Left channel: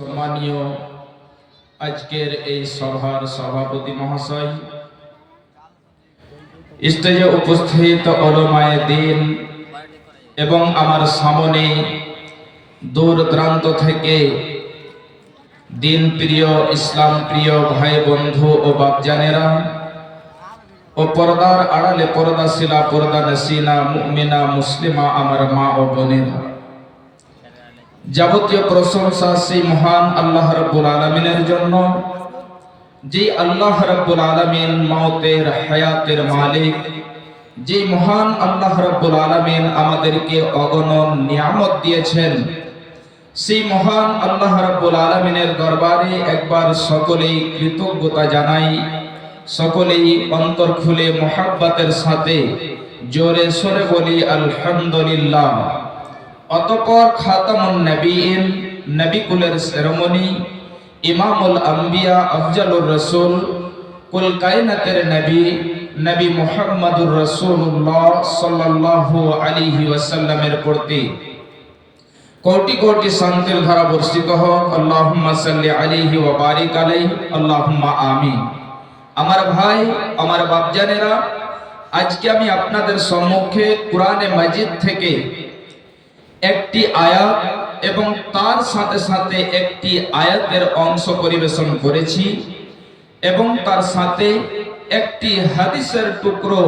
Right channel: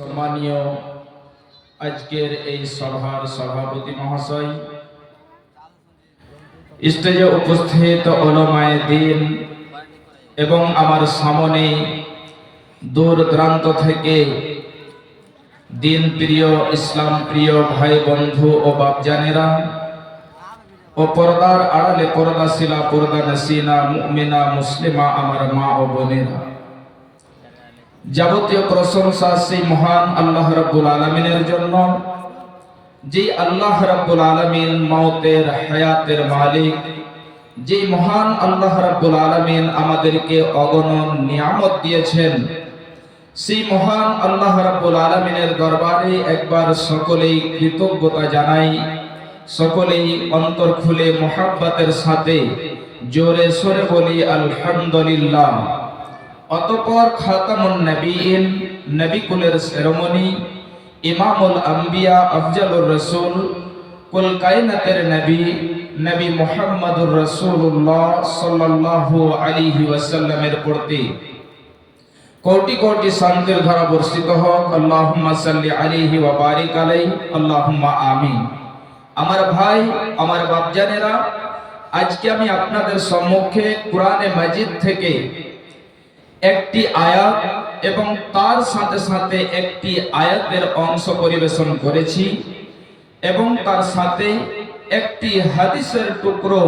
সম্মানীয় আজকের এই সভার সভাপতি মহাশয়, স্টেজে উপস্থিত অলমায় দিন এবং আমার সামনে দূর দূরান্ত থেকে দিন প্রিয়, ইসলাম প্রিয় ভাই, বন্ধু ও বাপজানেরা ও পর্দার আড়ালে পর্দাশিলা পর্দা নসিনা, মুমিনা, মুসলিমা, আমার মা ও বোনেরা। যাবতীয় প্রশংসা সেই মহান আল্লাহ রাব্বুল আলামিনের জন্য, যে আল্লাহ রাব্বুল আলামিন মওতের হায়াতের মালিক, যে মহান আল্লাহ রাব্বুল আলামিন আমাদেরকে অগণন নিয়ামত দিয়েছেন। সেই মহান আল্লাহ রাব্বুল আলামিনের দরবারে একবার সকলেই কৃতজ্ঞতা জানাই, সকলেই অন্তর খুলে মোহাব্বতের সাথে জোরে সরে বলি, আলহামদুলিল্লাহ। অতপর খাতামুন নবীন নবী কুলের সেরেমনি ইমামুল আম্বিয়া, আফজালুর রসুল, কুল কায়নাতের নবী নবী মুহাম্মদুর রাসূলুল্লাহ সাল্লাল্লাহু আলাইহি ওয়াসাল্লামের প্রতি। কোটি কোটি শান্তির ধারা বর্ষিত হোক, আল্লাহুম্মা সাল্লি আলাইহি ওয়া বারিক আলাইহি, আল্লাহুম্মা আমিন। আমার ভাই, আমার বাপজানেরা, আজকে আমি আপনাদের সম্মুখে কোরআনে মাজিদ থেকে একটি আয়াত এবং তার সাথে সাথে একটি আয়াতের অংশ পরিবেশন করেছি এবং তার সাথে একটি হাদিসের টুকরো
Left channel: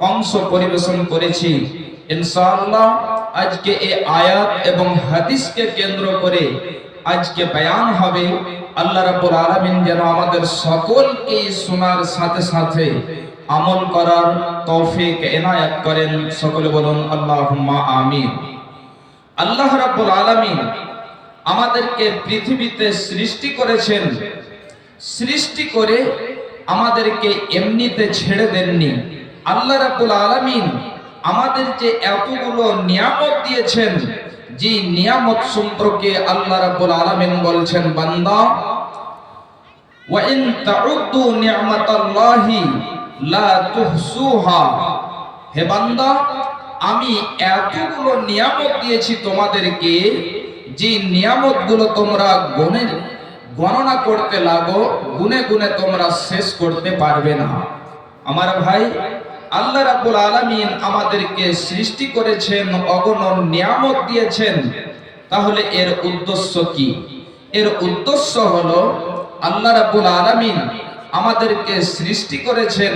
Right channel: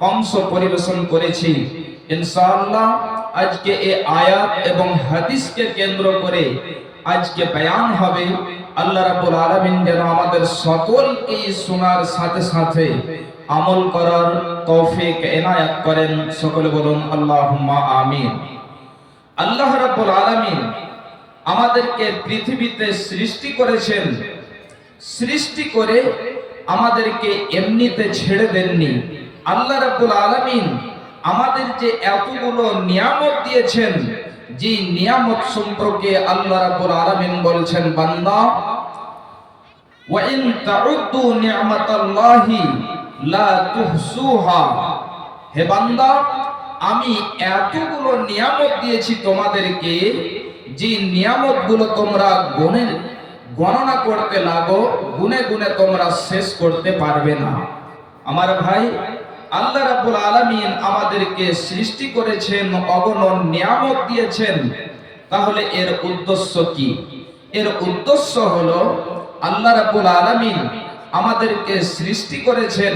অংশ পরিবেশন করেছি। ইনশাআল্লাহ আজকে এই আয়াত এবং হাদিসকে কেন্দ্র করে আজকে বয়ান হবে। আল্লাহ রাব্বুল আলামিন যেন আমাদের সকলকে শোনার সাথে সাথে আমল করার তৌফিক এনায়াত করেন। সকলে বলুন, আল্লাহুম্মা আমিন। আল্লাহ রাব্বুল আলামিন আমাদেরকে পৃথিবীতে সৃষ্টি করেছেন। সৃষ্টি করে আমাদেরকে এমনিতে ছেড়ে দেননি। আল্লাহ রাব্বুল আলামিন আমাদের যে এতগুলো নিয়ামত দিয়েছেন, যে নিয়ামত সম্পর্কে আল্লাহ রাব্বুল আলামিন বলছেন, বান্দা ওয়া ইন তাউদ্দু নি'মাতাল্লাহি লা তুহসুহা। হে বান্দা আমি এতগুলো নিয়ামত দিয়েছি তোমাদেরকে, যে নিয়ামতগুলো তোমরা গণে গণনা করতে লাগো, গুনে গুনে তোমরা শেষ করতে পারবে না। আমার ভাই, আল্লাহ রাব্বুল আলামিন আমাদেরকে সৃষ্টি করেছেন, অগণন নিয়ামত দিয়েছেন। তাহলে এর উদ্দেশ্য কি? এর উদ্দেশ্য হলো, আল্লাহ রাব্বুল আলামিন আমাদেরকে সৃষ্টি করেছেন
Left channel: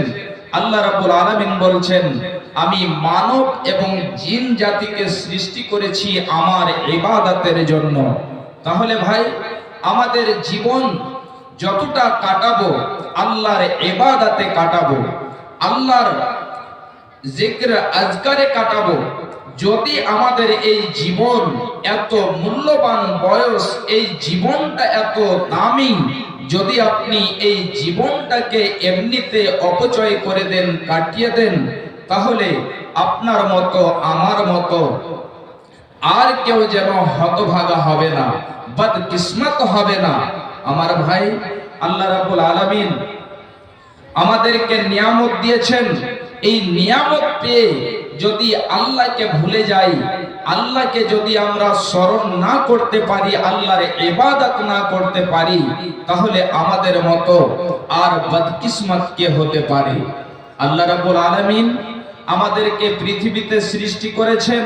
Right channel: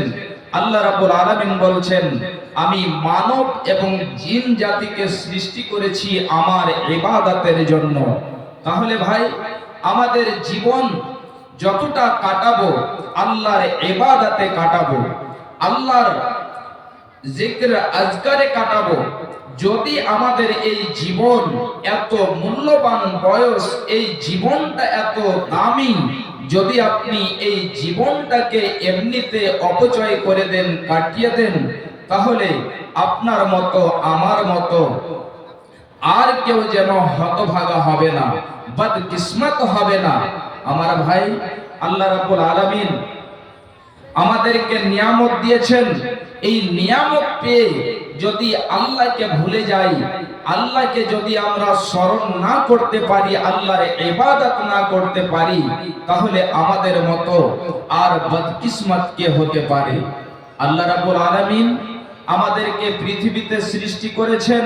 আল্লাহ রাব্বুল আলামিন বলছেন, আমি মানব এবং জিন জাতিকে সৃষ্টি করেছি আমার ইবাদতের জন্য। তাহলে ভাই, আমাদের জীবন যতটা কাটাবো, আল্লাহর ইবাদতে কাটাবো, আল্লাহর জিক্র আজকারে কাটাবো, যদি আমাদের এই জীবন এত মূল্যবান বয়স, এই জীবনটা এত দামি যদি আপনি এই জীবনটাকে এমনিতে অপচয় করে দেন, কাটিয়ে দেন, তাহলে আপনার মতো, আমার মতো আর কেউ যেন হতভাগা হবে না বদ কিসমত হবে না। আমার ভাই, আল্লাহ রাব্বুল আলামিন আমাদেরকে নিয়ামত দিয়েছেন। এই নিয়ামত পেয়ে যদি আল্লাহকে ভুলে যাই, আল্লাহকে যদি আমরা স্মরণ না করতে পারি, আল্লাহর ইবাদত না করতে পারি, তাহলে আমাদের মতো আর বদকিসমত কে হতে পারে? আল্লাহ রাব্বুল আলামিন আমাদেরকে পৃথিবীতে সৃষ্টি করেছেন।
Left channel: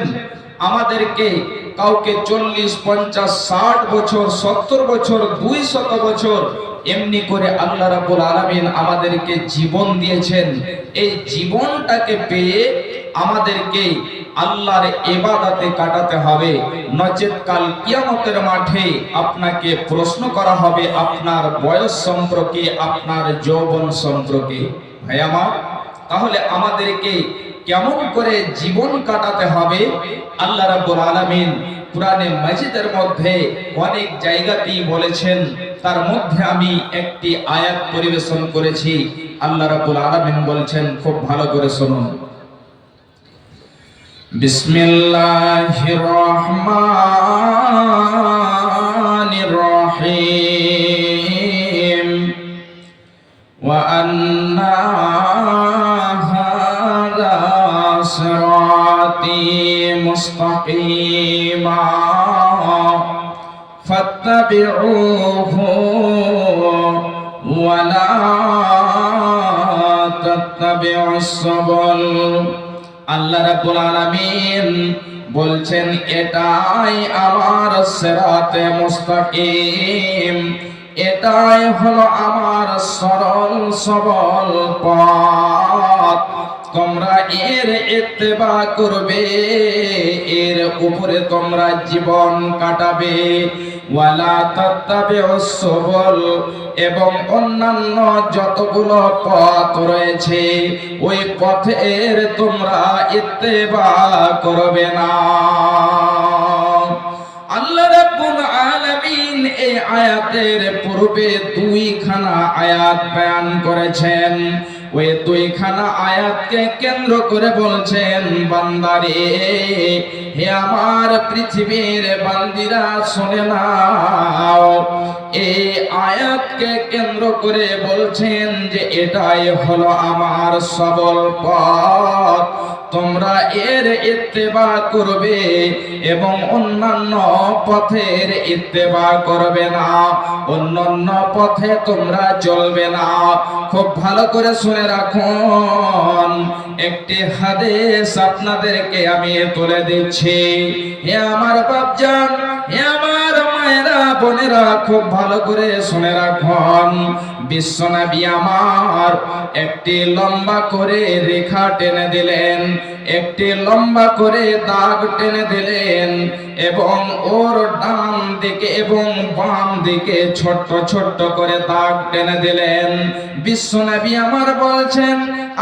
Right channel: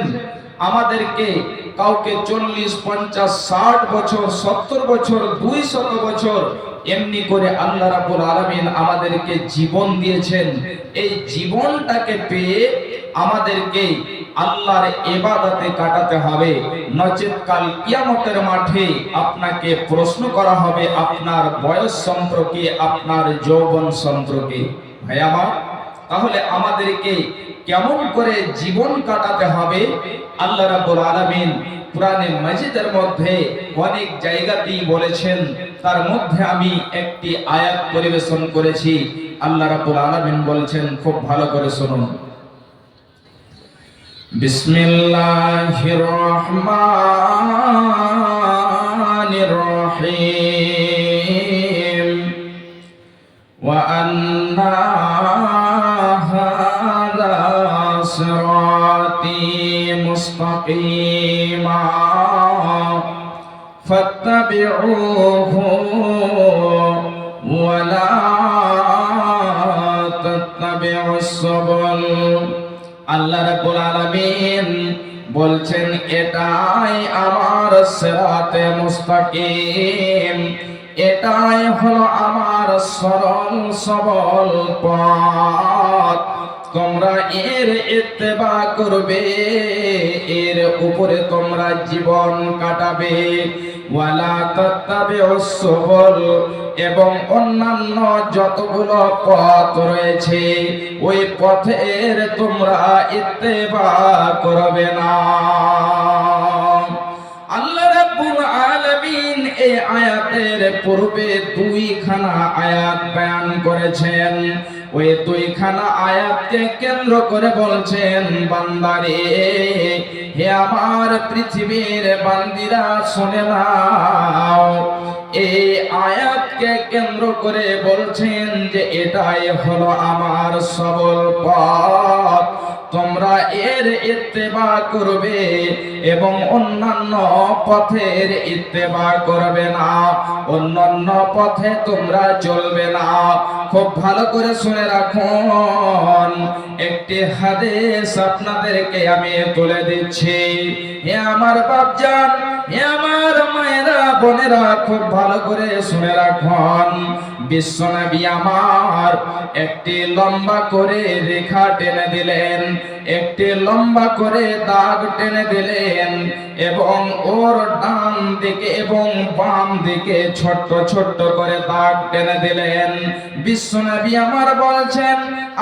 আমাদেরকে কাউকে চল্লিশ, পঞ্চাশ, ষাট বছর, সত্তর বছর, দুই শত বছর এমনি করে আল্লাহ রাবুল আলমিন আমাদেরকে জীবন দিয়েছেন। এই জীবনটাকে পেয়ে আমাদেরকে আল্লাহর এবাদাতে কাটাতে হবে। নচেত কাল কিয়ামতের মাঠে আপনাকে প্রশ্ন করা হবে, আপনার বয়স সম্পর্কে, আপনার যৌবন সম্পর্কে। ভাই আমার, তাহলে আমাদেরকে কেমন করে জীবন কাটাতে হবে? আল্লাহ রাব্বুল আলামিন কোরআনে মাজিদের মধ্যে অনেক জায়গাতেই বলেছেন, তার মধ্যে আমি একটি আয়াত পরিবেশন করেছি। আল্লাহ রাব্বুল আলামিন বলছেন, খুব ভালো করে শুনুন। বিসমিল্লাহির রহমানির রহিম ওয়া আন্না হাযা সিরাতি মুস্তাকিমা। فاتبعوه ولا تتبعوا السبل আল্লাহ রাব্বুল আলামিন বলছেন এটাই আমার সিরাতে মুস্তাকিম এটাই হলো আমার সরল সবল পথ তোমরা এর ইত্তেবা করবে, এর উপরে তোমরা জীবন কাটাবে। ওয়ালা তত্তাবে সুবুল, এবং অন্যান্য যতগুলো পথ রয়েছে, ওই পথের তোমরা ইত্তেবা করবে না। এই আয়াতের পূর্বে দুইখানা আয়াত বয়ান করেছেন। ওই দুইখানা আয়াতকে কেন্দ্র করে বলছেন, বান্দারে, হে আমার পৃথিবীর বান্দিরা, শুনে নাও এই আয়াতকে কেন্দ্র করে বলছেন যে, এটাই হলো আমার সবল পথ। তোমরা এর ইত্তেবা করবে এবং অন্যান্য পথের ইত্তেবা করবে না। অন্যান্য পথে তোমরা চলবে না। খুব ভালো করে শুনে রাখুন, একটি হাদিস আপনাদেরকে আমি তুলে দিচ্ছি। হে আমার বাপজান, হে বোনেরা খুব ভালো করে শুনে রাখুন। বিশ্বনবী আমার একটি লম্বা করে রেখা টেনে দিলেন, একটি লম্বা করে দাগ টেনে দিলেন এবং ওর ডান দিকে এবং বাম দিকে ছোট্ট ছোট্ট করে দাগ টেনে দিলেন। বিশ্বনবী আমার বলছেন,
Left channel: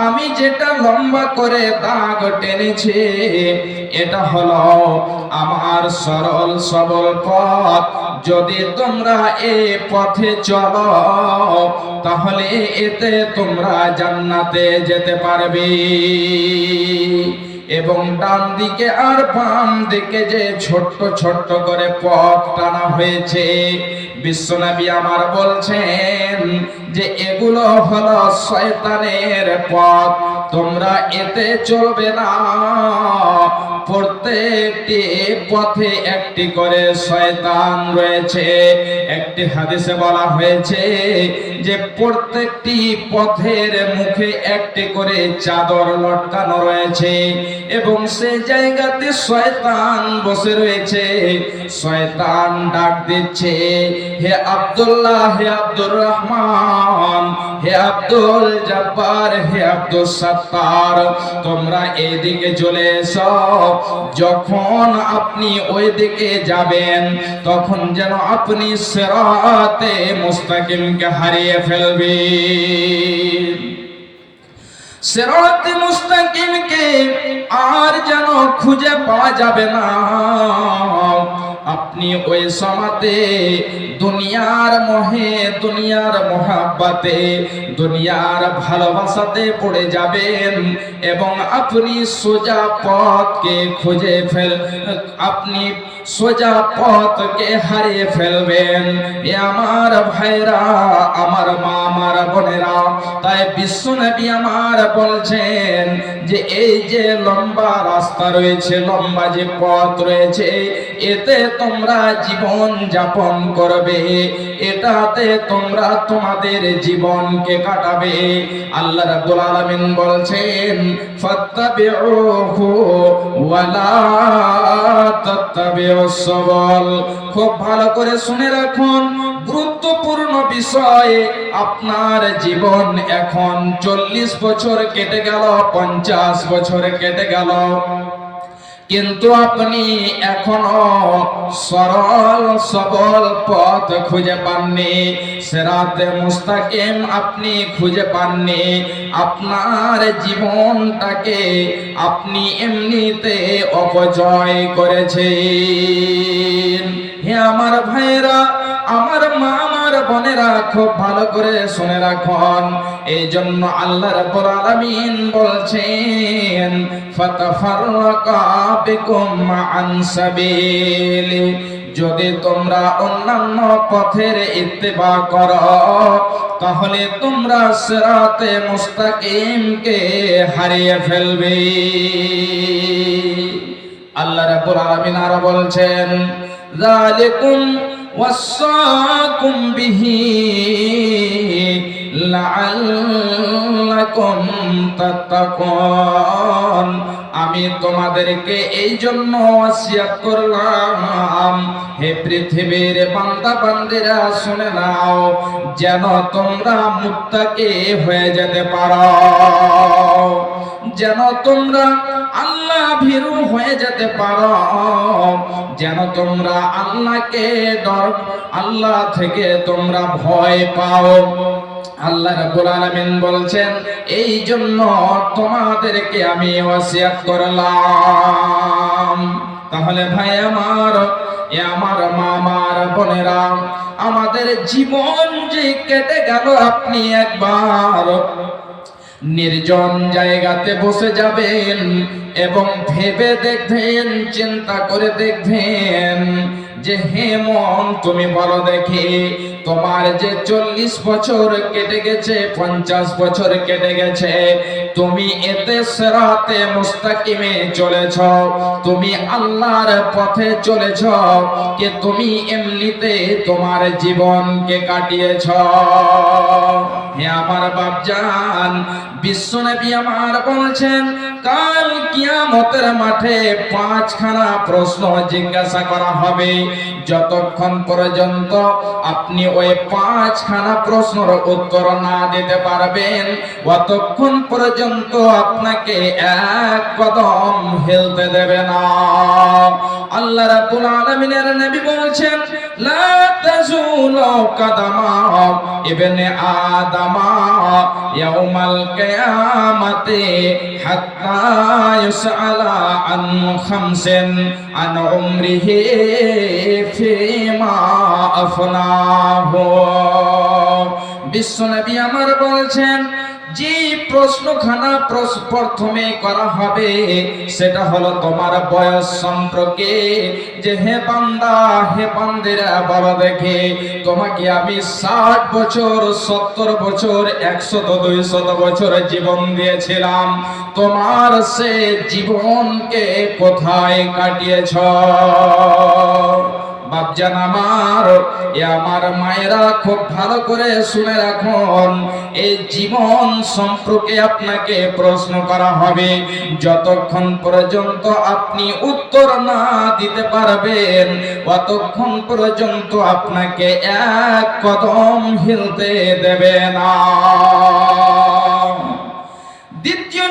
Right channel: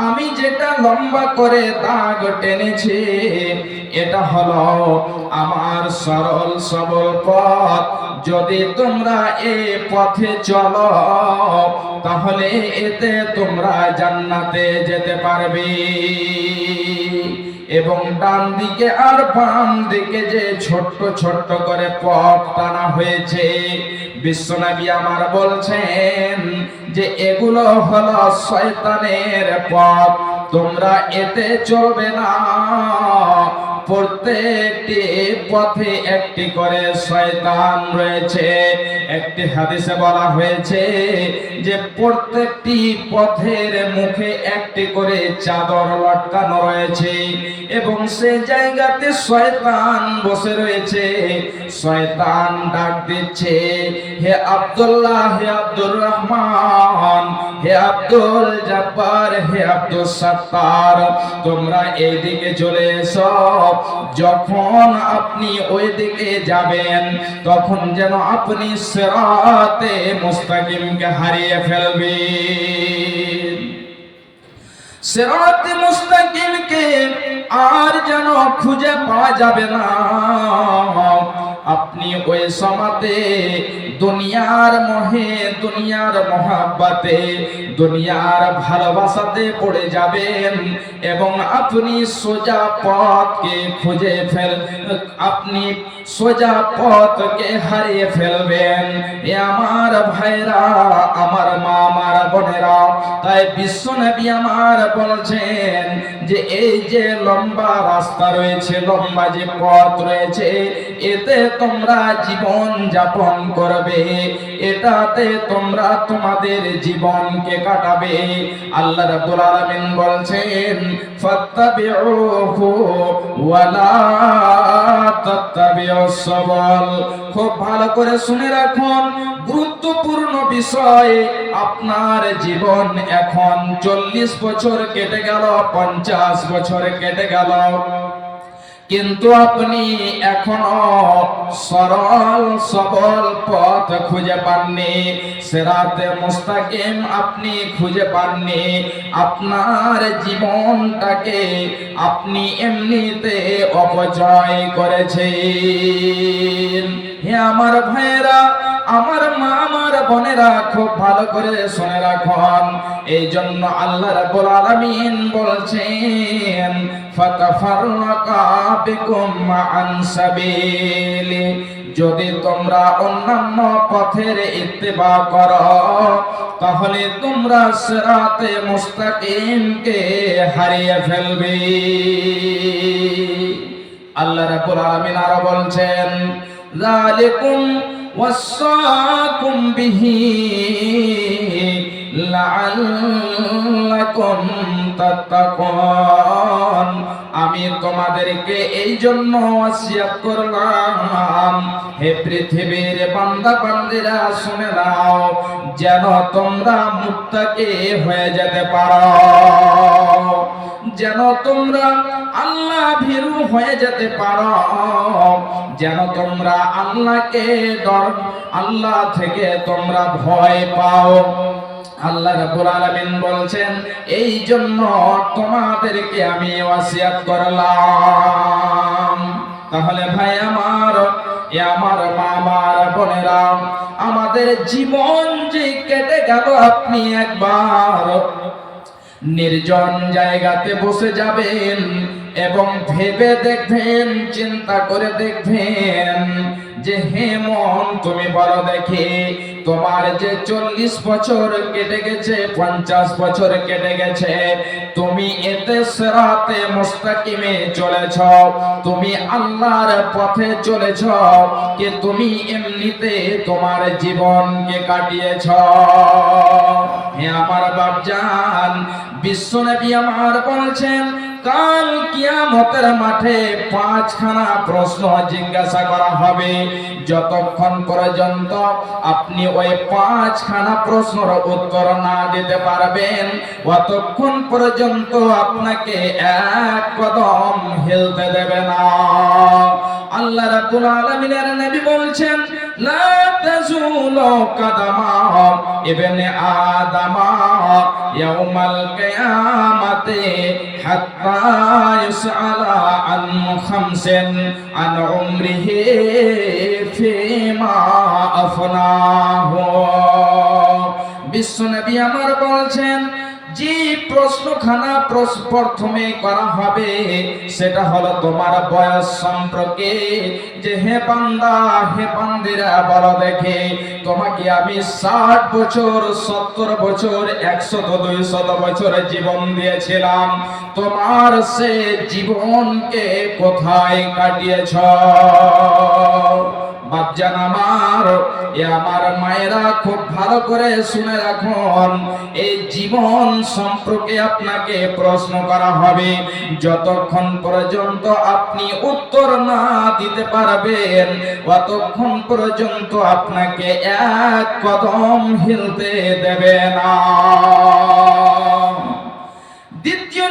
আমি যেটা লম্বা করে দাগ টেনেছি, এটা হলো আমার সরল সবল পথ। যদি তোমরা এ পথে চলো, তাহলে এতে তোমরা জান্নাতে যেতে পারবে। এবং ডান দিকে আর বাম দিকে যে ছোট্ট ছোট্ট করে পথ টানা হয়েছে বিশ্বনবী আমার বলছেন যে এগুলো হলো শয়তানের পথ, তোমরা এতে চলবে না। প্রত্যেকটি পথে একটি করে শয়তান রয়েছে। একটি হাদিসে বলা হয়েছে যে প্রত্যেকটি পথের মুখে একটি করে চাদর লটকানো রয়েছে এবং সেই জায়গাতে শয়তান বসে রয়েছে। শয়তান ডাক দিচ্ছে, হে আব্দুল্লাহ, হে আব্দুর রহমান, হে আব্দুল জব্বার, হে আব্দুল সত্তার, তোমরা এদিকে চলে এসো। যখন আপনি ওই দিকে যাবেন, তখন যেন আপনি সেরাতে মুস্তাকিমকে হারিয়ে ফেলবে সেরাত মুস্তাকিমকে আর যেন খুঁজে পাওয়া যাবে না। আপনি ওই সমাতে দুনিয়ার মোহে, দুনিয়ার মহাব্বাতে, দুনিয়ার ভালোবাসাতে পড়ে যাবেন এবং আপনি সোজা পথকে খুঁজে ফেল, আপনি সোজা পথকে হারিয়ে ফেলবেন। এ আমার ভাইরা, আমার মা, আমার বোনেরা, তাই বিশ্ব নবী আমার বলছেন যে এই যে লম্বা রাস্তা রয়েছে, লম্বা যে পথ রয়েছে, এতে তোমরা জীবন যাপন করবে, এটাতে তোমরা তোমাদের জীবনকে কাটাবে। আল্লাহ রাব্বুল আলামিন বলছেন, ফাত্তাবিউহু ওয়ালা তাত্তাবিউস সাবল। খুব ভালো করে শুনে রাখুন, গুরুত্বপূর্ণ বিষয়, আপনার জীবন এখন চল্লিশ বছর কেটে গেল, পঞ্চাশ বছর কেটে গেল। কিন্তু আপনি এখনও সরল, সবল পথ খুঁজে পাননি। সেরাতে মুস্তাকিম আপনি খুঁজে পাননি। আপনার জীবনটাকে আপনি এমনিতে অপচয় করেছেন। হে আমার ভাইরা আমার মা আমার বোনেরা খুব ভালো করে শুনে রাখুন। এই জন্য আল্লাহ রাব্বুল আলামিন বলছেন, ফাতাফাররাকা বিকুম আন সাবিলি। যদি তোমরা অন্যান্য পথের ইত্তেবা করো, তাহলে তোমরা সিরাতে মুস্তাকিমকে হারিয়ে ফেলবে। আল্লাহ রাব্বুল আলামিন আরও বলছেন, যালিকুম ওয়াসাকুম বিহি লাআল্লাকুম তাত্তাকুন আমি তোমাদেরকে এই জন্য ওয়াসিয়াত করলাম। হে পৃথিবীর বান্দা বান্দিরা, শুনে নাও, যেন তোমরা মুত্তাকি হয়ে যেতে পারো। যেন তোমরা ভীরু হয়ে যেতে পারো। যেন তোমরা আল্লাহকে ডর আল্লাহ থেকে তোমরা ভয় পাও। আল্লাহ রাব্বুল আলামিন বলছেন এই জন্য তোমাদেরকে আমি ওয়াসিয়াত করলাম। তাহলে ভাই আমার, এ আমার মামার বোনেরা, আমাদের জীবন যে কেটে গেল আপনি একবার। নির্জন জায়গাতে বসে যাবেন এবং ভেবে দেখবেন, চিন্তা করে দেখবেন যে, হে মন, তুমি বলো দেখি তোমার যে চল্লিশ বছর কেটে গেছে, পঞ্চাশ বছর কেটে গেছে, তুমি এতে সেরাতে মুস্তাকিমে চলেছ, তুমি আল্লাহর পথে চলেছ যে তুমি এমনিতে তোমার জীবনকে কাটিয়েছ। হে আমার বাপজান, বিশ্বনবী আমার বলছেন কাল কিয়ামতের মাঠে পাঁচখানা প্রশ্ন জিজ্ঞাসা করা হবে। যতক্ষণ পর্যন্ত আপনি ওই পাঁচখানা প্রশ্নের উত্তর না দিতে পারবেন ততক্ষণ পর্যন্ত আপনাকে এক কদম হেলতে দেবে না। আল্লাহ রাব্বুল আলামিনের নবী বলছেন, লা তাজুলু কাদামা ইবনে আদামা ইয়াউমাল কিয়ামাতি হাত্তা ইউসআলা আন খামসিন আন উমরিহি ফিমা আফনাহু। বিশ্বনবী আমার বলছেন যে প্রশ্নখানা প্রশ- প্রথমে করা হবে, সেটা হলো তোমার বয়স সম্পর্কে। যে হে বান্দা হে বান্দিরা বলো দেখে, তোমাকে আমি ষাট বছর, সত্তর বছর, একশত, দুইশত বছর জীবন দিয়েছিলাম। তোমার সে জীবনকে কোথায় কাটিয়েছ? বাপজান আমার, এ আমার মায়েরা খুব ভালো করে শুনে রাখুন, এই জীবন সম্পর্কে আপনাকে প্রশ্ন করা হবে। যতক্ষণ পর্যন্ত আপনি উত্তর না দিতে পারবেন ততক্ষণ পর্যন্ত আপনাকে এক কদম হিলতে দেবে না। দ্বিতীয়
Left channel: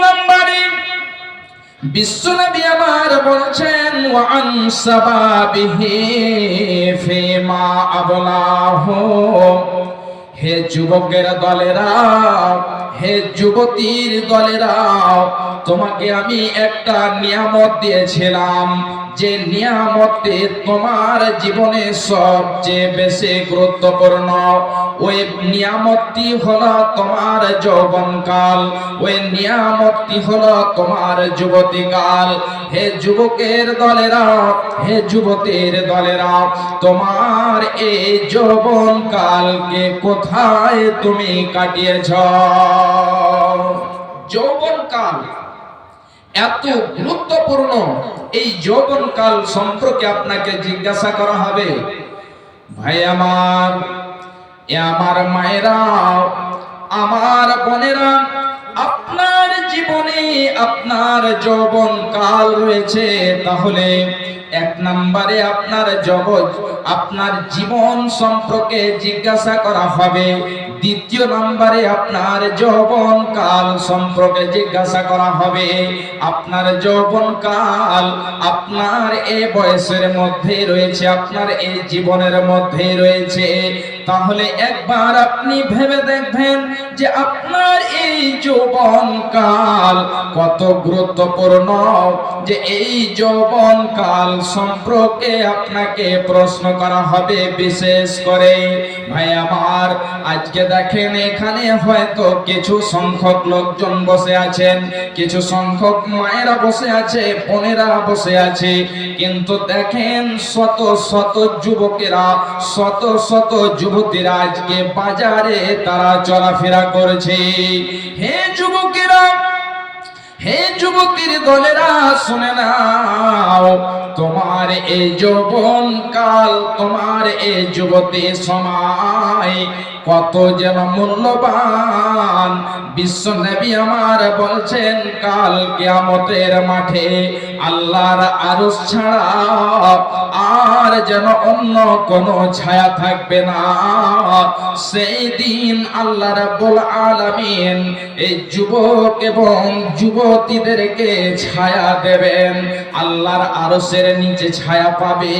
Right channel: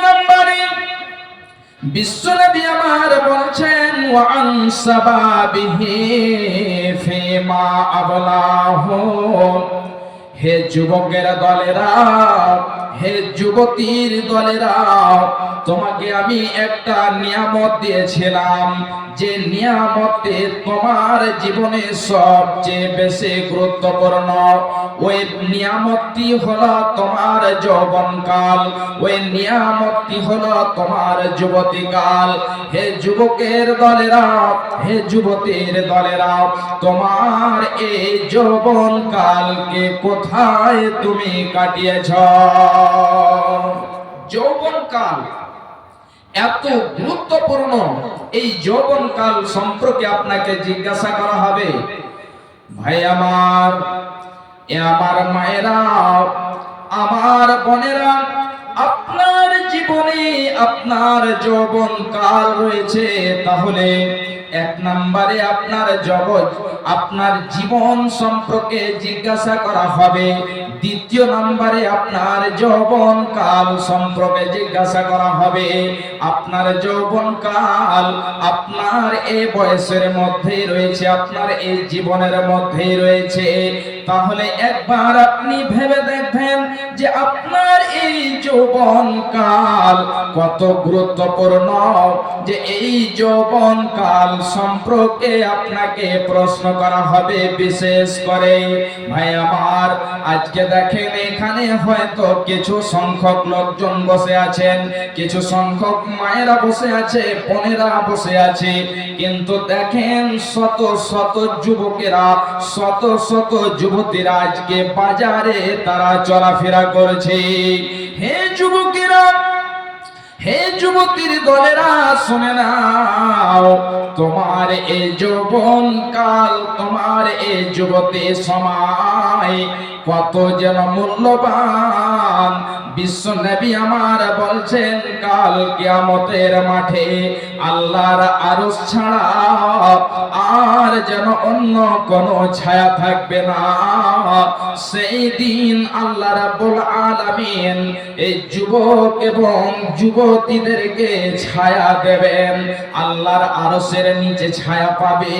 বিশ্বনবী আমার বলছেন, ওয়ান সাবাবিহি ফিমা আবলাহু হে যুবকের দলেরা, হে যুবতীর দলেরা, তোমাকে আমি একটা নিয়ামত দিয়েছিলাম, যে নিয়ামতে তোমার জীবনে সবচেয়ে বেশি গুরুত্বপূর্ণ। ওই নিয়ামতটি হলো তোমার যৌবনকাল, ওই নিয়ামতটি হলো তোমার যুবতীকাল। হে যুবকের দলেরা, হে যুবতীর দলেরা, তোমার এই যৌবনকালকে কোথায় তুমি কাটিয়েছ? যৌবনকাল এত গুরুত্বপূর্ণ, এই যৌবনকাল সম্পর্কে আপনাকে জিজ্ঞাসা করা হবে। ভাই আমার আমার মায়েরা, আমার বোনেরা, আপনার জীবনে আপনার যৌবন কাল রয়েছে। তাহলে এক নম্বরে আপনার জগৎ, আপনার জীবন সম্পর্কে জিজ্ঞাসা করা হবে। দ্বিতীয় নম্বরে আপনার যৌবন কাল সম্পর্কে জিজ্ঞাসা করা হবে। আপনার যৌবন কাল আপনার এই বয়সের মধ্যে রয়েছে, আপনার এই জীবনের মধ্যে রয়েছে। তাহলে একবার আপনি ভেবে দেখবেন যে আপনার এই যৌবন কাল কত গুরুত্বপূর্ণ, যে এই যৌবন কাল সম্পর্কে আপনাকে প্রশ্ন করা হবে বিশেষ করে। ভাই, আমার আজকে দেখেন, এখানে হয়তো কিছু সংখ্যক লোকজন বসে আছেন, কিছু সংখ্যক মায়েরা বসে আছে, বোনেরা বসে আছে, কিন্তু দেখেন শত শত যুবকেরা, শত শত যুবতীরা আজকে বাজারে তারা চলাফেরা করছে। হে যুবকেরা, হে যুবতীর দলেরা, শুনে নাও, তোমার এই যৌবন কাল তোমার এই যুবতী সময় কত যেন মূল্যবান। বিশ্ব নবী আমার বলছেন কাল কিয়ামতের মাঠে আল্লাহর আরও ছাড়া আর যেন অন্য কোন ছায়া থাকবে না। সেই দিন আল্লাহ রাব্বুল আলামিন এই যুবক এবং যুবতীদেরকে ছায়া দেবেন। আল্লাহর আরশের নিচে ছায়া পাবে।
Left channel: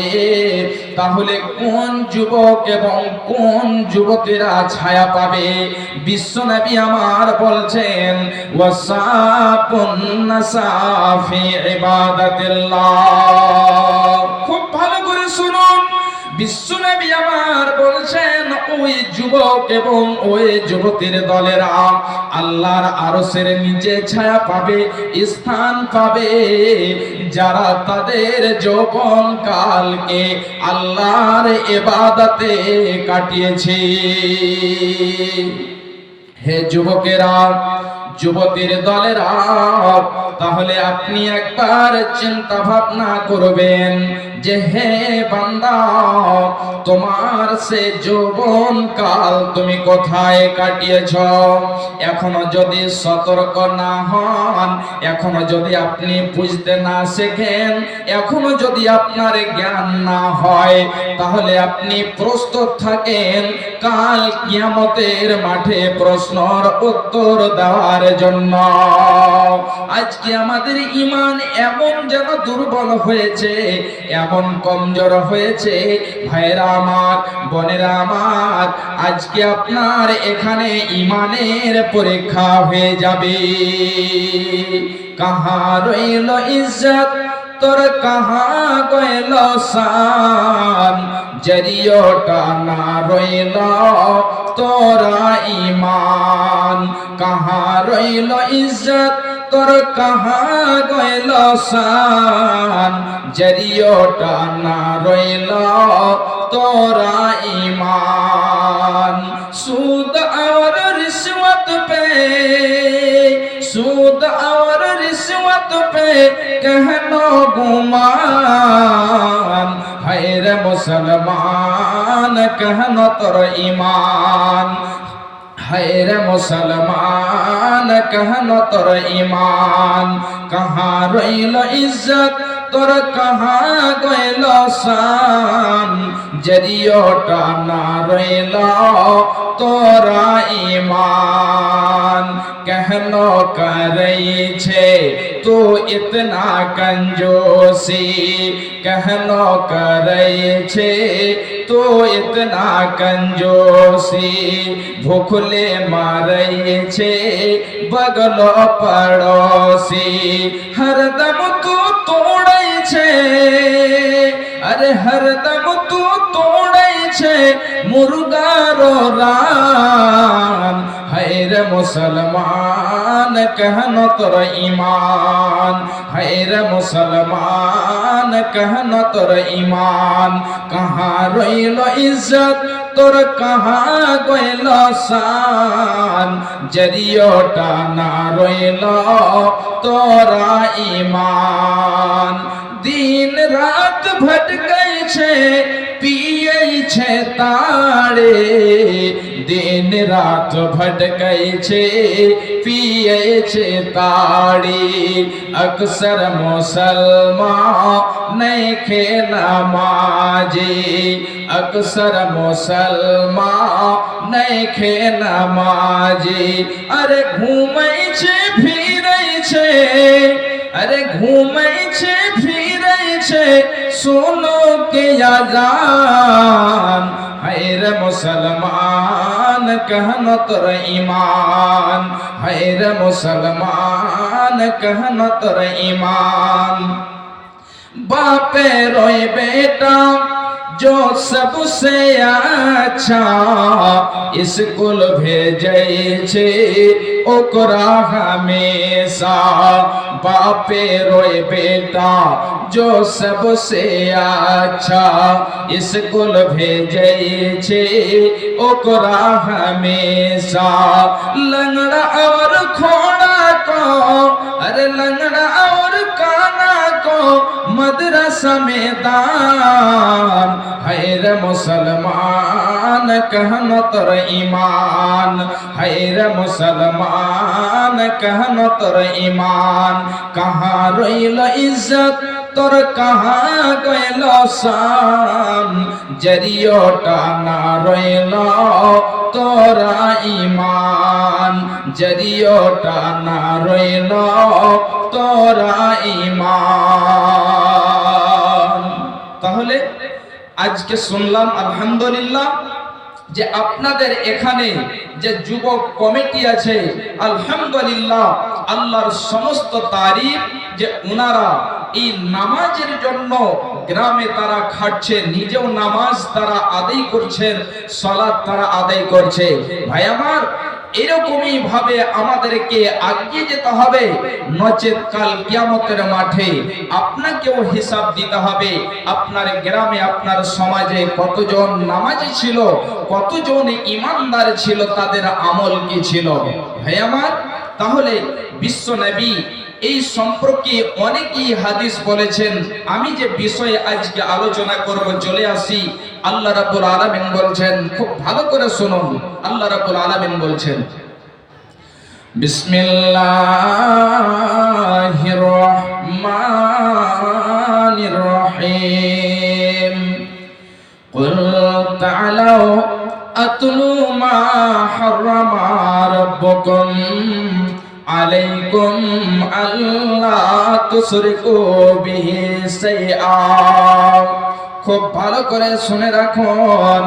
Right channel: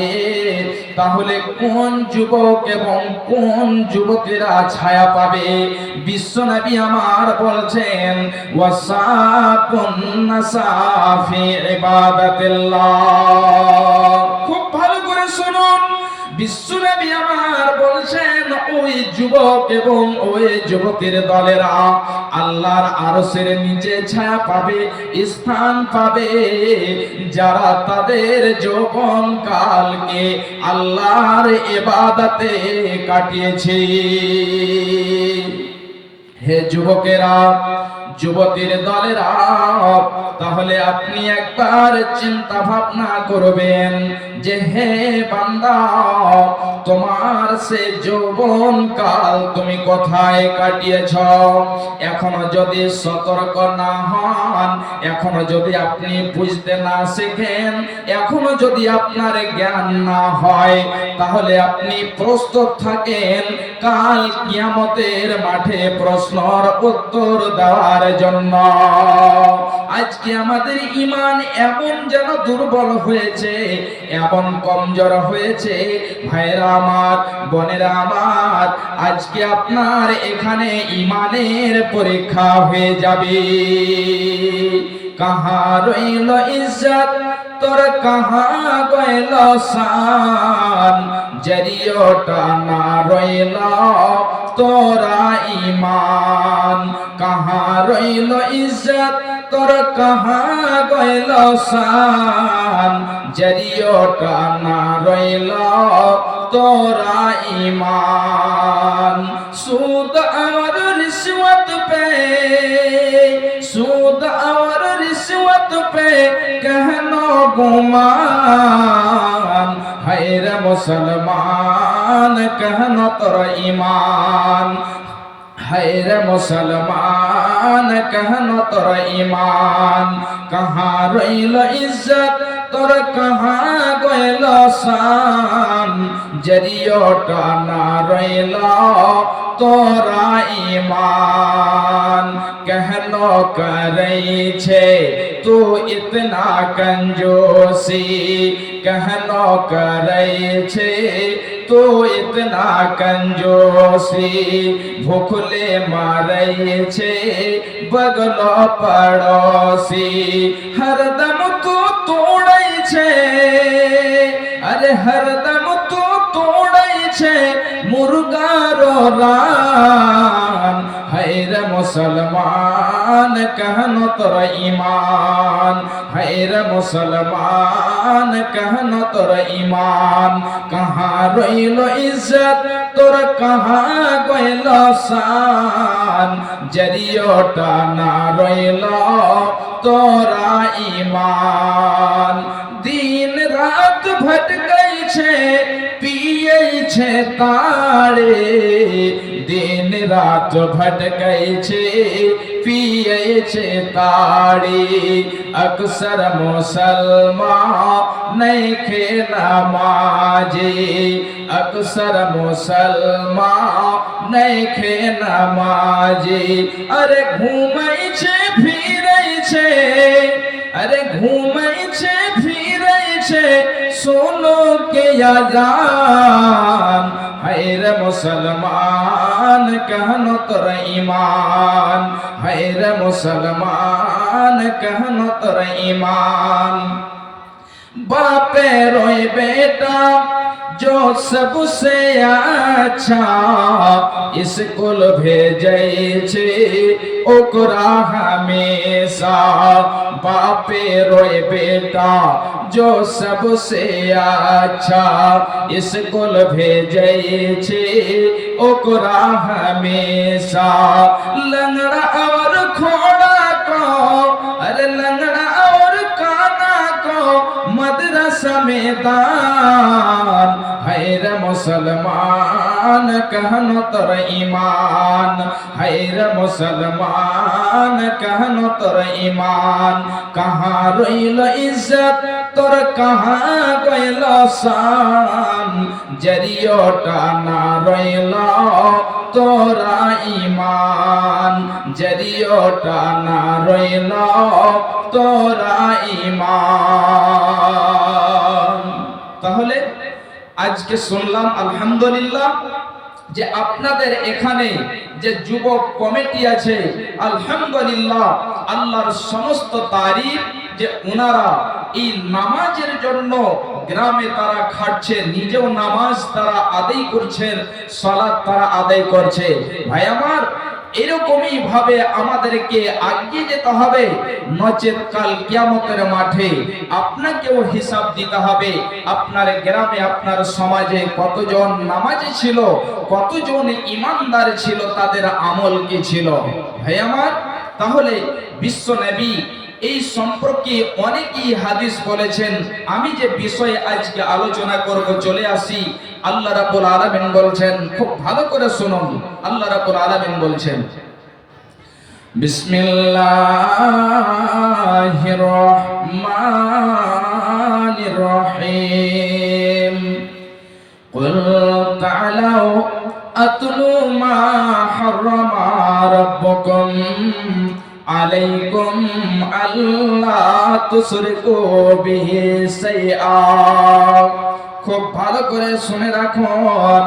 তাহলে কোন যুবক এবং কোন যুবতীরা ছায়া পাবে? বিশ্বনবী আমার বলছেন, ওয়াসাকুন নাসাফি ইবাদাতিল্লাহ। শুনুন, বিশ্বনবী আমার বলছেন, ওই যুবক এবং ওই যুবতীর দলেরা আল্লাহর আরশের নিচে ছায়া পাবে, স্থান পাবে। যারা তাদের যৌবন কালকে আল্লাহর ইবাদতে কাটিয়েছে। হে যুবকেরা, যুবতীর দলেরা তাহলে আপনি একবার চিন্তা ভাবনা করবেন যে, হে বান্দা, তোমার সে যৌবন কাল তুমি কোথায় কাটিয়েছ? এখনও যদি সতর্ক না হন, এখনও যদি আপনি বুঝতে না শেখেন, এখনও যদি আপনার জ্ঞান না হয়, তাহলে আপনি প্রস্তুত থাকেন। কাল কিয়ামতের মাঠে প্রশ্নর উত্তর দেওয়ার জন্য। আজকে আমাদের ইমান এমন যেন দুর্বল হয়েছে, এমন কমজোর হয়েছে। ভাইরা আমার, বোনেরা আমার, আজকে আপনার এখানে ইমানের পরীক্ষা হয়ে যাবে। কাহা রইল ইজ্জত, তোর কাহা গইল শান জরিয়টা না রইল তোরা ইমান কাহা রইল ইজ্জত তোর কাহা গইল সান? জরিয়টা না রইল তোরা ইমান। সুদ আমার রিসমত পে, সুদ আমার রিসমত পে, কেন গুমান? হায় রে মুসলমান, কেন তোর ইমান? हैर मुसलमान कहनो তোর ইমান कहाँ রইল ইজ্জত তোর कहाँ গইল শান জরিয়টা না রইল তোরা ইমান कहलो करई छे तू इतना कंजोसी कहलो करई छे તો ઇતના કંજોસી ભૂખલે મારે છે બગલો પડોશી હરદમ તું તોડે છે. અરે હરદમ તું તોડે છે. મુરગારો રા মুসলমান, কহন তোর ইমান হায়রে মুসলমান, কহন তোর ইমান কাহা রইল ইজ্জত, তোর কাহা গইল সান জরিয়টা না রইল তোরা ইমান দিন রাত ভটকাই পিয়েছে পিয়েছে তারে, দিন রাত ভটকাইছে, পিয়েছে তারে। আকসর মুসলমান নেখে নামাজে আকসর মুসলমান নেখে নামাজে আরে ঘুমাইছে, ফিরাইছে, আরে ঘুমাইছে, ফিরাইছে अरे घूमै छै फिरै छै अरे घूमै छै फिरै छै सुनो के अजान हैर मुसलमान कहन तोर ईमान हैर मुसलमान कहन तोर ईमान बापे रोय बेटा जो सबसे अच्छा स्कूल भेजै छै, ओकरा हमेशा बापे रोय बेटा। जो सबसे अच्छा स्कूल भेजै छै, ओकरा हमेशा। लंगड़ा और खोड़ा को, अरे लंगड़ा और काना को मदरसा में दान। হায়র মুসলমান, কহন তোর ইমান হায়র মুসলমান, কহন তোর ইমান কাহা রইল ইজ্জত, তোর কাহা গেল সান জরিও টানা রইল তোরা ইমান জরিও টানা রইল তোরা ইমান তাহলে আজকে শুনলাম, আলহামদুলিল্লাহ, যে আপনাদের এখানে যে যুবক কমিটি আছে, আলহামদুলিল্লাহ, আল্লাহর সমস্ত তারিফ যে ওনারা এই নামাজের জন্য গ্রামে তারা খাটছে, নিজেও নামাজ তারা আদায় করছেন, সালাত তারা আদায় করছে। ভাই আমার এরকমই ভাবে আমাদেরকে আগিয়ে যেতে হবে। নচেত কাল কিয়ামতের মাঠে আপনাকেও হিসাব দিতে হবে। আপনার গ্রামে, আপনার সমাজে কতজন নামাজি ছিল, কতজন ইমানদার ছিল, তাদের আমল কি ছিল? ভাই আমার, তাহলে বিশ্ব নবী এই সম্পর্কে অনেকেই হাদিস বলেছেন, আমি যে বিষয়ে আজকে আলোচনা করব, চলে আসি। আল্লাহ রাবুল আলমিন বলছেন, খুব ভালো করে শুনুন। আল্লাহ রাবুল আলমিন বলছেন বিসমিল্লাহির রহমানির রহিম কুল তাআলাও আতলু মা হারামা রাব্বুকুম। আলাইকুম আল্লাহ তুসরিকু বিহি শাইআ। খুব ভালো করে শুনে রাখুন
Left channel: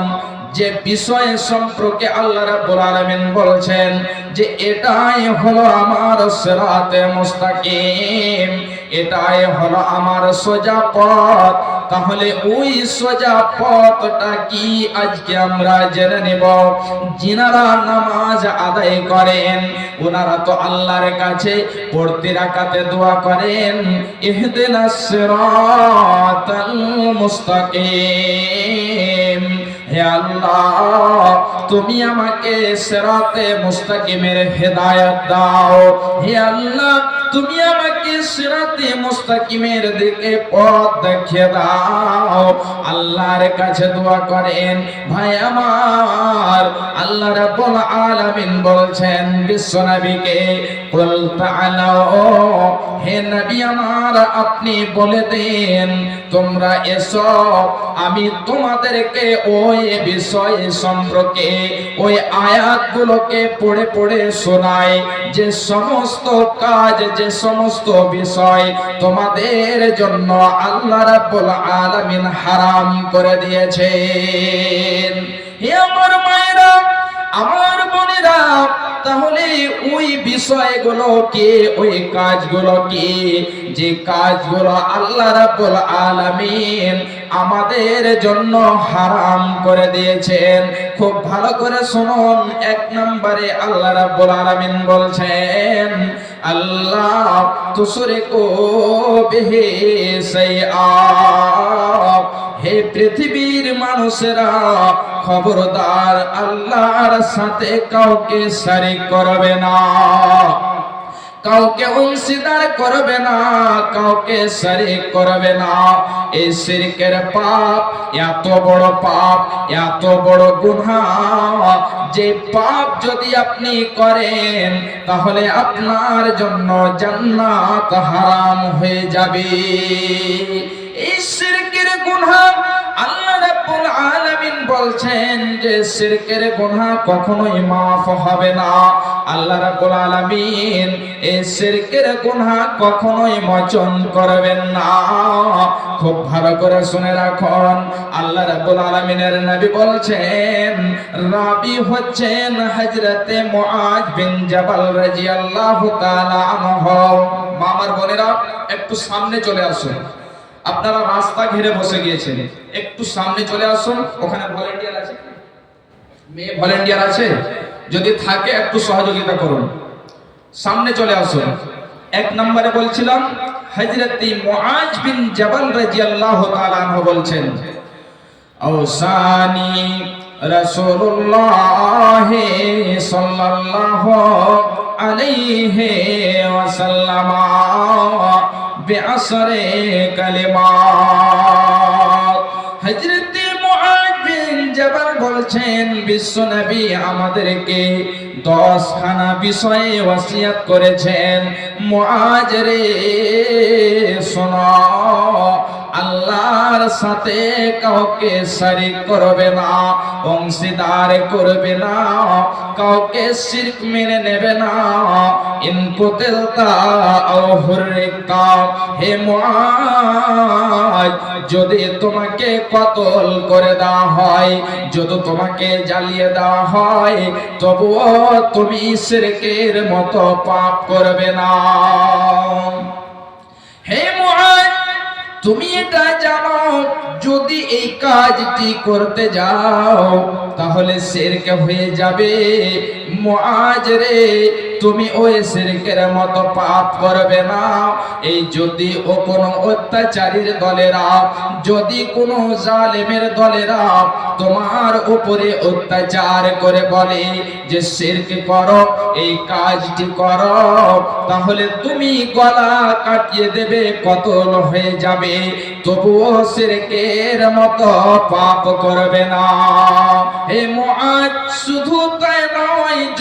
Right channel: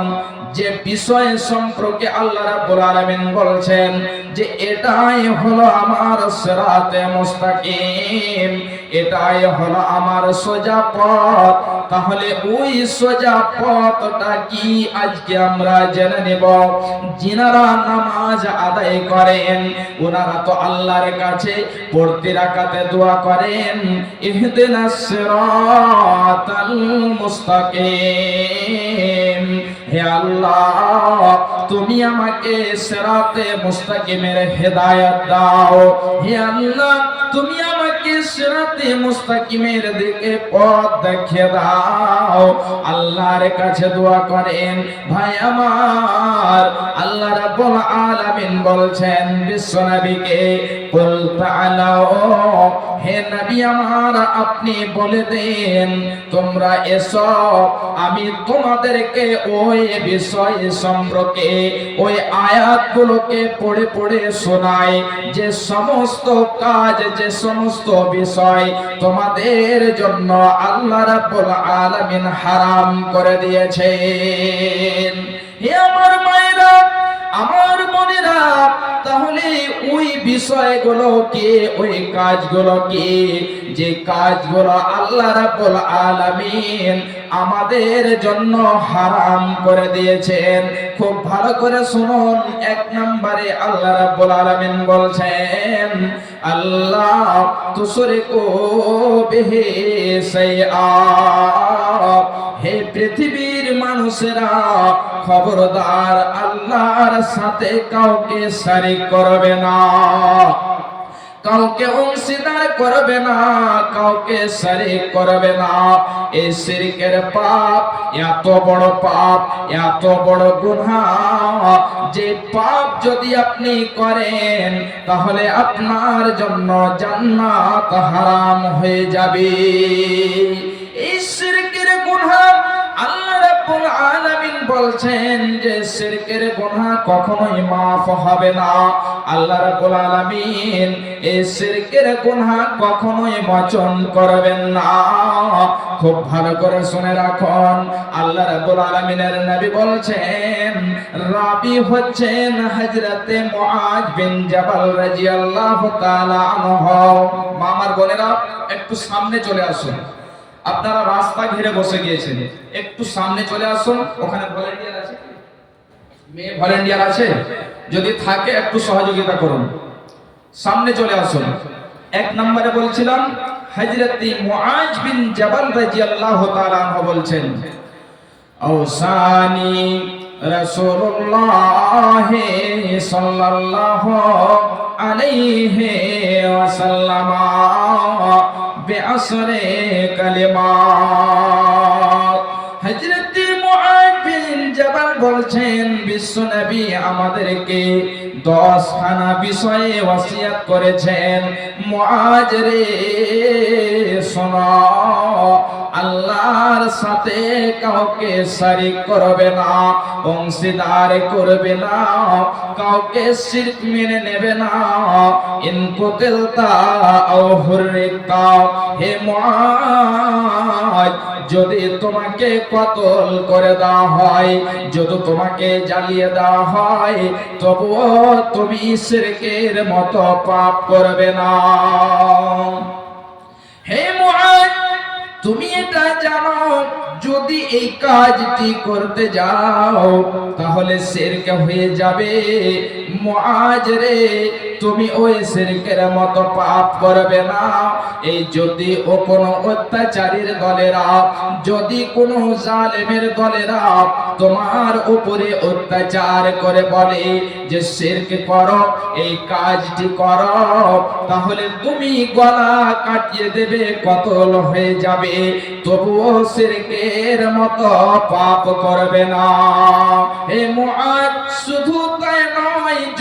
যে বিষয় সম্পর্কে আল্লাহ রাব্বুল আলামিন বলছেন যে এটাই হলো আমার সিরাতে মুস্তাকিম, এটাই হলো আমার সোজা পথ। তাহলে ওই সোজা পথটা কি? আজকে আমরা জেনে নেব। যিনারা নামাজ আদায় করেন, ওনারা তো আল্লাহর কাছে পড়তে রাখাতে দোয়া করেন, ইহদিনাস সিরাতাল মুস্তাকিম। হে আল্লাহ তুমি আমাকে সেরাতে মুস্তাকিমের হেদায়ত দাও। হে আল্লাহ তুমি বলছেন, বিশ্বনবীকে, কুল তাআলাও হে নবী আমার, আপনি বলে দেন, তোমরা এসো, আমি তোমাদেরকে ওই বিষয় সম্পর্কে, ওই আয়াতগুলোকে পড়ে পড়ে শোনাই। যে সমস্ত কাজ, যে সমস্ত বিষয় তোমাদের জন্য আল্লাহ রাব্বুল আলামিন হারাম করে দিয়েছেন। হে আমার মায়েরা, আমার বোনেরা, তাহলে ওই বিষয়গুলো কি, ওই কাজগুলো কি? যে কাজগুলো আল্লাহ রাব্বুল আলামিন আমাদের জন্য হারাম করে দিয়েছেন। খুব ভালো করে শুনুন, এক নম্বরে আল্লাহ রাব্বুল আলামিন বলছেন আল্লাহ তুসরিকু বিহি সাইআ। হে পৃথিবীর মানুষেরা খবরদার আল্লাহর সাথে কাউকে সারি করবে না। কাউকে অংশীদার করবে না, কাউকে শরিক করবে না। এই শিরকের পাপ, এত বড় পাপ, এত বড় গুনাহ। যে পাপ যদি আপনি করেন, তাহলে আপনার জন্য জান্নাত হারাম হয়ে যাবে। এই শিরকের গুনাহ আল্লাহ রাব্বুল আলামিন বলছেন যে শিরকের গুনাহ কখনোই মাফ হবে না। আল্লাহ রাব্বুল আলামিন এই শিরকের গুনাহ কখনোই মোচন করবেন না। খুব ভালো করে শুনে রাখুন। আল্লাহ রাব্বুল আলামিনের নবী বলছেন, রাবি হচ্ছেন হযরতে মুআজ বিন জাবাল রাদিয়াল্লাহু তাআলা আনহু। মামার বোনেরা, একটু সামনে চলে আসুন। আপনারা রাস্তা ঘিরে বসে গিয়েছেন। একটু সামনে চলে আসুন। ওখানে ভলেন্টিয়ার আছে মেয়ে ভলেন্টিয়ার আছে? যদি থাকে একটু সহযোগিতা করুন। সামনে চলে আসুন। এক নম্বরে বলছিলাম হজরতি মুআজ বিন জাবাল রাদিয়াল্লাহু তাআলা আনহু বলছেন, আওসানি রাসূলুল্লাহ সাল্লাল্লাহু আলাইহি ওয়াসাল্লাম বিআসরে কালিমা। বিষয়ে ওয়াসিয়াত করেছেন। রে আল্লাহর সাথে কাউকে শরিক করবে না, অংশীদার করবে না, কাউকে শিরক মেনে নেবে না। ইন কুতিলতা আও হুররিকা, হে মুআজ যদি তোমাকে কতল করে দেওয়া হয়, যদি তোমাকে জ্বালিয়ে দেওয়া হয়, তবুও তুমি শিরকের মতো পাপ করবে না। হে মুআজ তুমি এটা জানো, যদি এই কাজটি করতে যাও, তাহলে সেরকে হয়ে যাবে। মুআজ রে তুমি ওই সেরকের মতো পাপ করবে না। এই যদি ও কোনো অত্যাচারীর দলেরা, যদি কোনো জালেমের দলেরা তোমার উপরে অত্যাচার করে বলে যে শিরক করো, এই কাজটি করো, তাহলে তুমি গলা কাটিয়ে দেবে কতল হয়ে যাবে। তবুও শিরকের মতো পাপ করবে না। হে মুআদ শুধু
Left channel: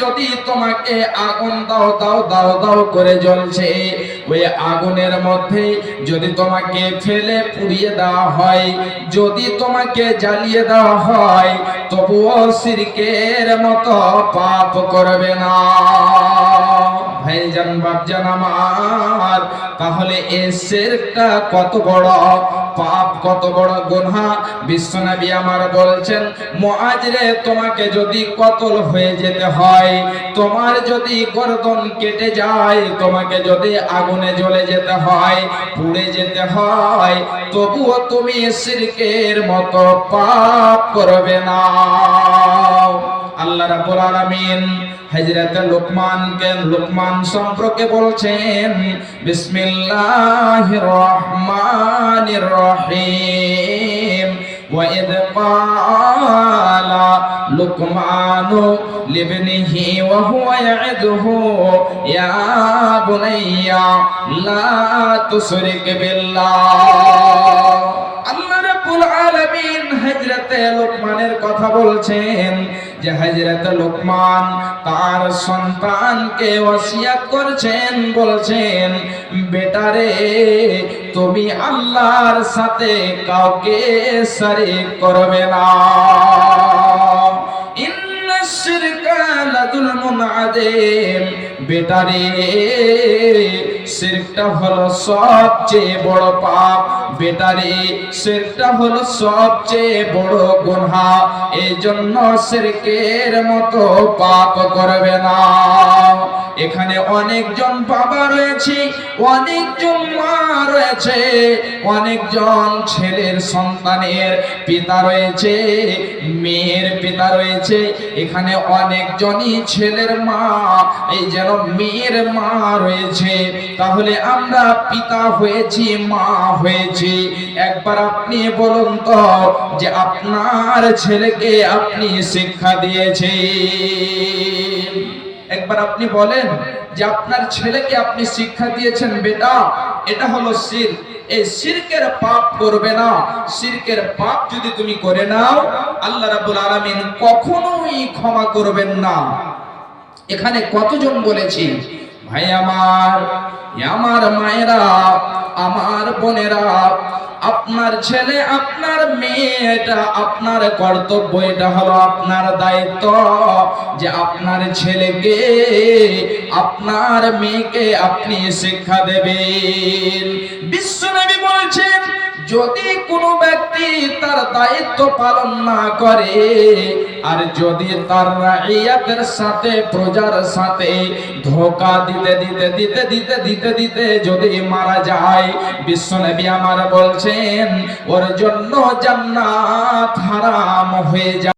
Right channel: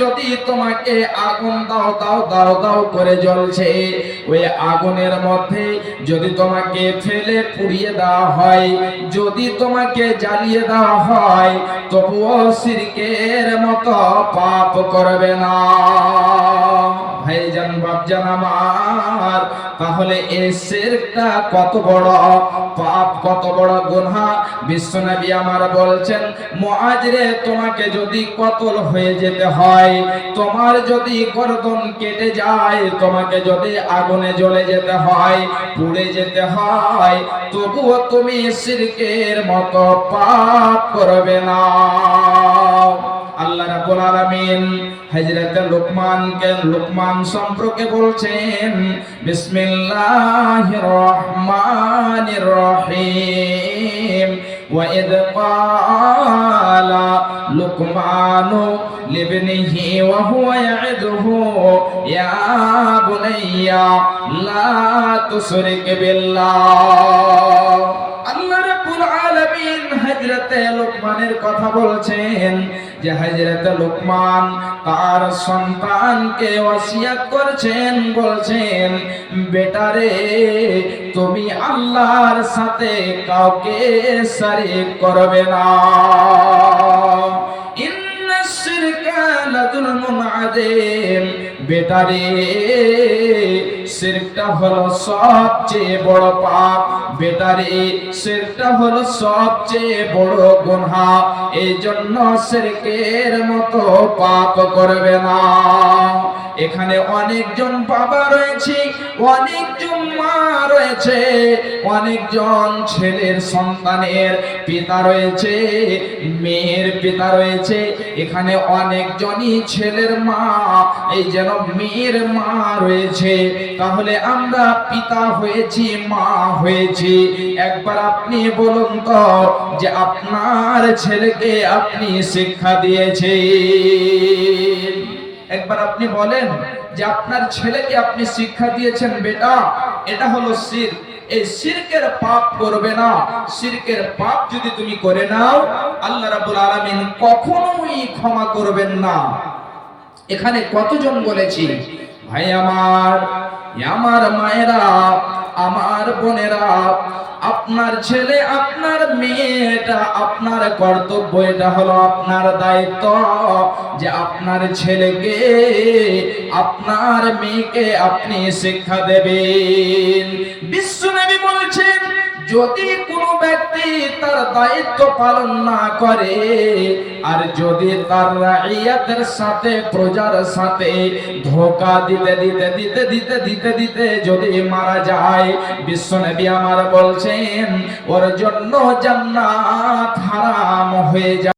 যদি তোমাকে আগুন দাও দাও দাও দাও করে জ্বলছে, ওই আগুনের মধ্যে যদি তোমাকে ফেলে পুড়িয়ে দেওয়া হয়, যদি তোমাকে জ্বালিয়ে দেওয়া হয়, তবুও সিরকের মতো পাপ করবে না। ভাইজান, বাপজান আমার তাহলে এ শিরকটা কত বড় পাপ, কত বড় গুনাহ? বিশ্বনবী আমার বলছেন মুআজ রে তোমাকে যদি কতল হয়ে যেতে হয়, তোমার যদি গর্দন কেটে যায়, তোমাকে যদি আগুনে জ্বলে যেতে হয়, পুড়ে যেতে হয়, তবুও তুমি শিরকের মতো পাপ করবে না। আল্লাহ রাব্বুল আলামিন হযরত লুকমানকে লুকমান সম্পর্কে বলছেন বিসমিল্লাহির রহমানির রহিম وإذ قال لقمان لابنه وهو يعده يا بني لا تشرك بالله আল্লাহ রাব্বুল আলামিন হযরতে লোকমানের কথা বলছেন যে হযরতে লোকমান তার সন্তানকে ওসিয়াত করছেন, বলছেন, বেটারে, তুমি আল্লাহর সাথে কাউকে শরীক করবে না। বেটারে শিরকটা হলো সবচেয়ে বড় পাপ। বেটারে শিরকটা হলো সবচেয়ে বড় গুনাহ। এই জন্য শিরকের মতো পাপ করবে না। এখানে অনেকজন বাবা রয়েছে, অনেকজন মা রয়েছে, অনেকজন ছেলের সন্তানের পিতা রয়েছে, মেয়ের পিতা রয়েছে। এখানে অনেকজনই ছেলের মা, এই যেন মেয়ের মা রয়েছে। তাহলে আমরা পিতা হয়েছি, মা হয়েছি। একবার আপনি বলুন তো যে আপনার ছেলেকে আপনি শিক্ষা দিয়েছেন? একবার আপনি বলেন যে আপনার ছেলেকে আপনি শিক্ষা দিয়েছেন, বেটা, এটা হলো শির এই শিরকের পাপ করবে না। শিরকের পাপ যদি তুমি করে নাও, আল্লাহ রাব্বুল আলামিন কখনোই ক্ষমা করবেন না। এখানে কতজন বলেছি ভাই আমার আমার মায়েরা, আমার বোনেরা, আপনার ছেলে, আপনার মেয়েটা, আপনার কর্তব্য এটা হলো আপনার দায়িত্ব যে আপনার ছেলেকে, আপনার মেয়েকে আপনি শিক্ষা দেবেন। বিশ্বনবী বলছেন যদি কোনো ব্যক্তি তার দায়িত্ব পালন না করে, আর যদি তার রাইয়াতের সাথে, প্রজার সাথে ধোকা দিতে দিতে দিতে দিতে দিতে দিতে যদি মারা যায়, বিশ্বনবী আমার বলছেন, ওর জন্য জান্নাত হারাম হয়ে যায়।